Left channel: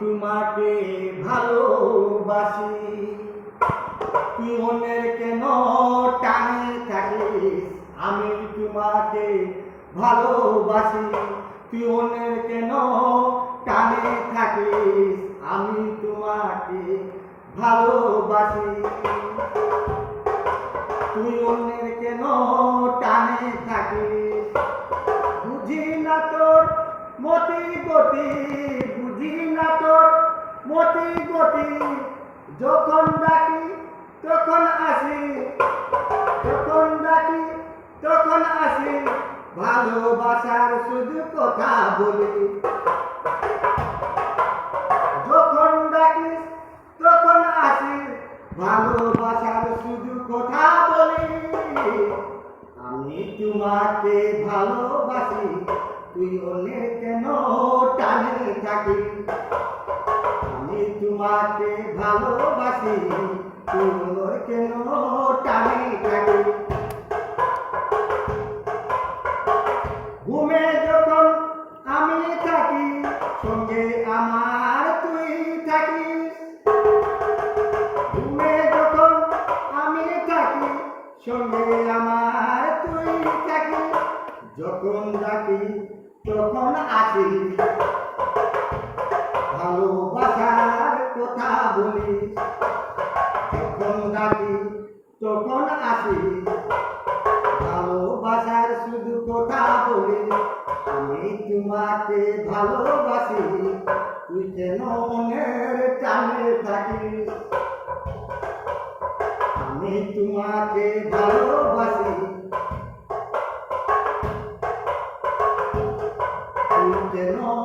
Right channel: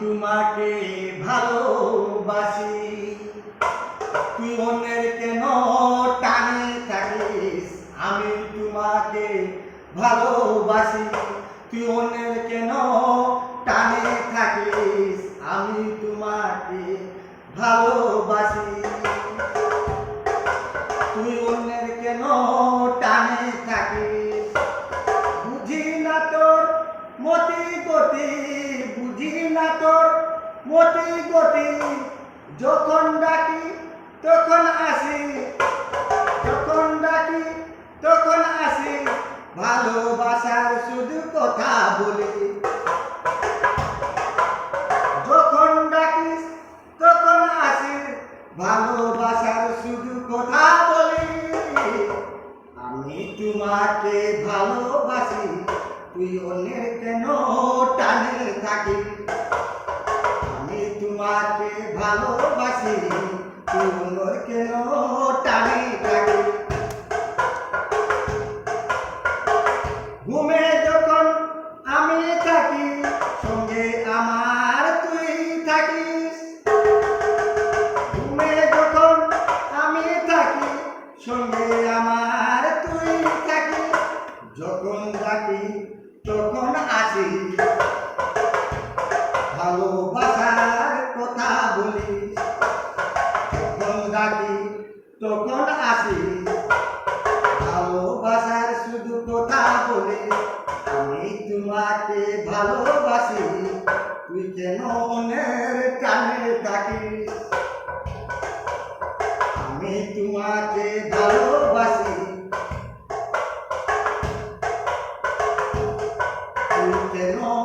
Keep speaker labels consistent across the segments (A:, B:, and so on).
A: তোমাকে ভালোবাসি। তুই কেন টানে থাকিস? আমি তোমাকে ভালোবাসি। তুই অন্যের কেন টানে থাকিস? আমি তোমাকে ভালোবাসি। গতি বুঝি না তোর মতি গতি, যখন ডাকি তখন আসি, যখন ডাকি তখন আসি, ভালোবাসার শুধু কথা বলি। যখন ডাকিস তখন আসি, ভালোবাসার শুধু কথা বলি। আমি তোমাকে ভালোবাসি তুই অন্যের কেন টানে থাকি আমি তোমাকে ভালোবাসি তুই অন্যের কেন ভালোবাসার কথা বলি। যখন ডাকি, তখন আসি। ভালোবাসার শুধু কথা বলি। আমি তোমাকে ভালোবাসি। তুই কেন মনের টানে থাকিস? আমি তোমাকে ভালোবাসি। তুই কেন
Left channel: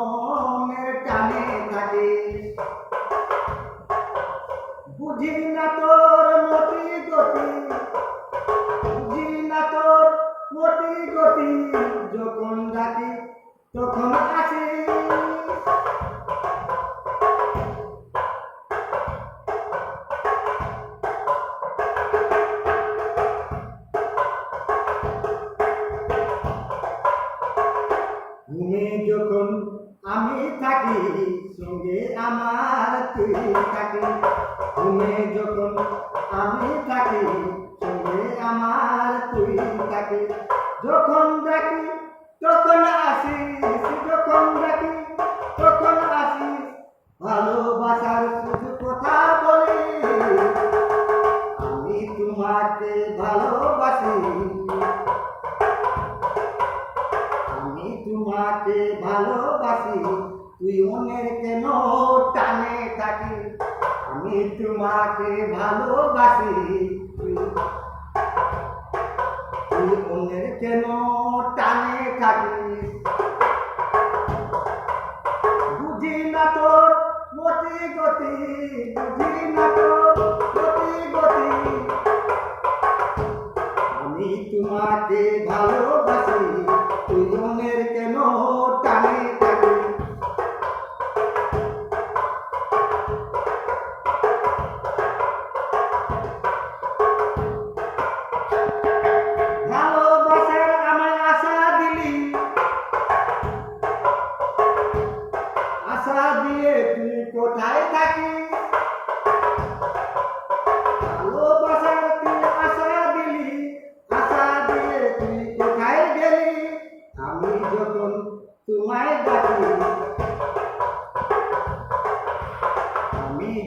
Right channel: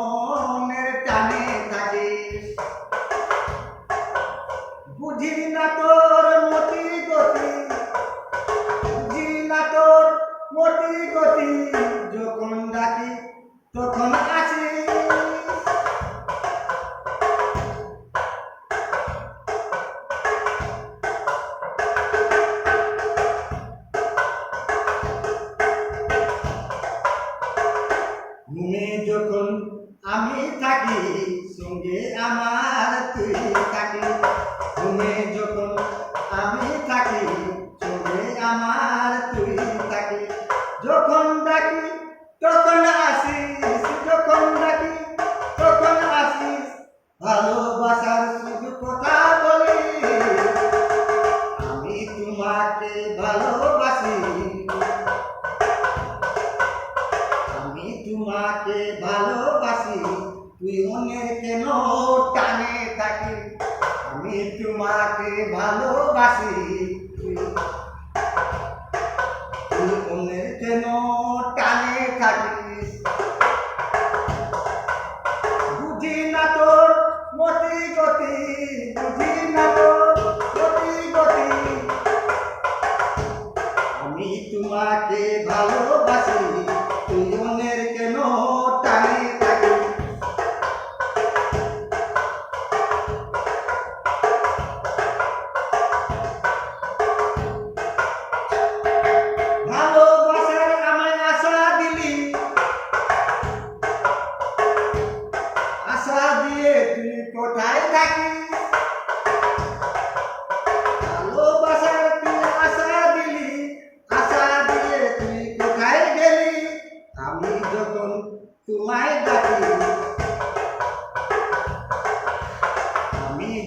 A: মতি গতি যখন ডাকি, তখন আসিস ঘুমে যখন আমি থাকি, সঙ্গে আমার তুই থাকি। ঘুমে যখন ভালোবাসার শুধু কথা বলি। আমি তোমাকে ভালোবাসি। আমি তোমাকে ভালোবাসি। তুই অনেক কেন টানে থাকি। আমি তোমাকে ভালোবাসি। তুই অনেক কেন টানে থাকিস আমি তোমাকে ভালোবাসি।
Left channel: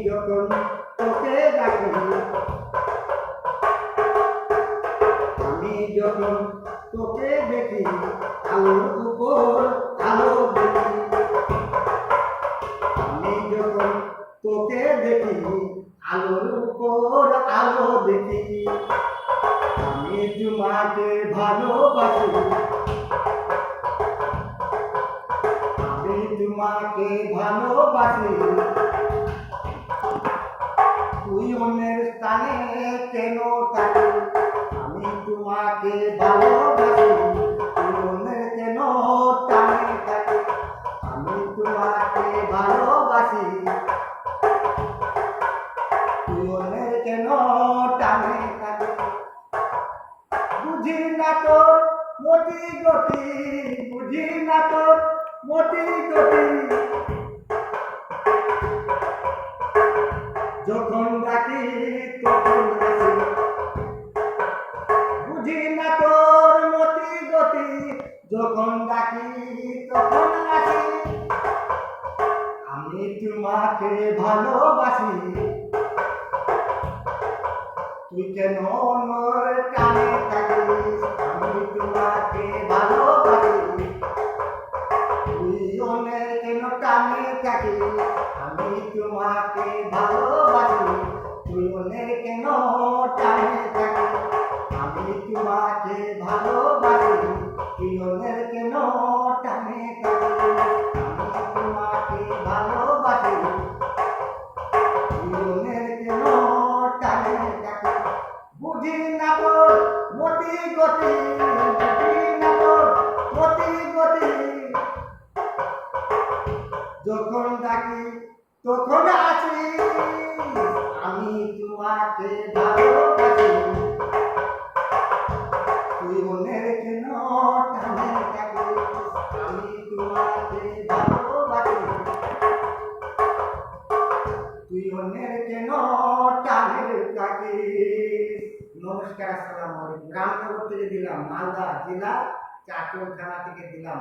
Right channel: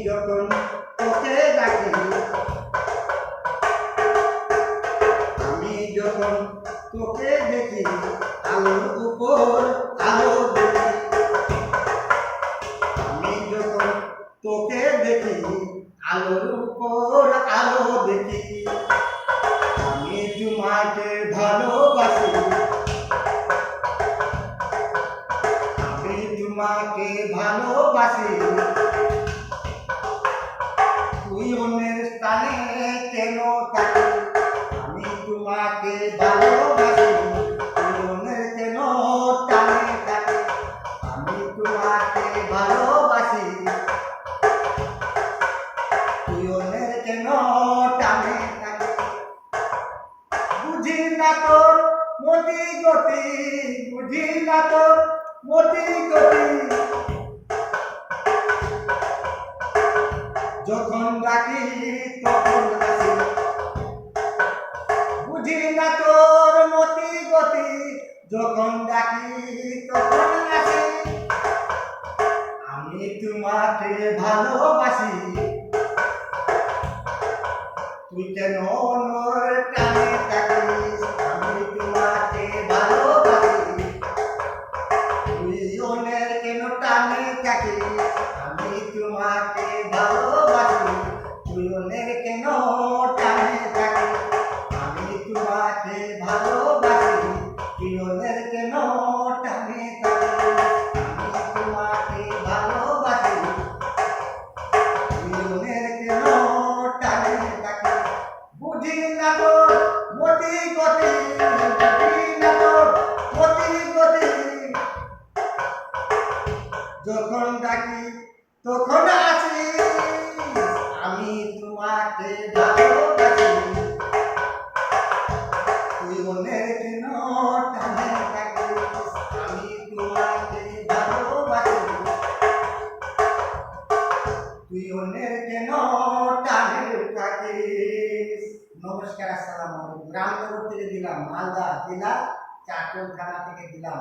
A: যখন তোকে ডাকি আমি যখন তোকে দেখি আলোর উপর তোমাকে ভালোবাসি, মনে কেন টানে থাকে আমি তোমাকে ভালোবাসি মনের কেন টানে থাকে বুঝি না তোর মতি গতি, বুঝি না তোর মতি গতি। যখন ডাকি তখন আসি আমি তোমাকে ভালোবাসি। তুই কেন অন্যর টানে থাকিস, আমি তোমাকে ভালোবাসি। তুই অন্যের কেন টানে থাকিস, আমি তোমাকে ভালোবাসি। তুই অন্যের কেন যখন ডাকি, তখন আসি। আমি তোমাকে ভালোবাসি। তুই মনের কেন টানে থাকিস? আমি তোমাকে ভালোবাসি। তুই অন্যের কেন নমস্কার আসসালামু আলাইকুম রামনগর থেকে দিলাম মালদা জেলা চাকুর থানা থেকে দিলাম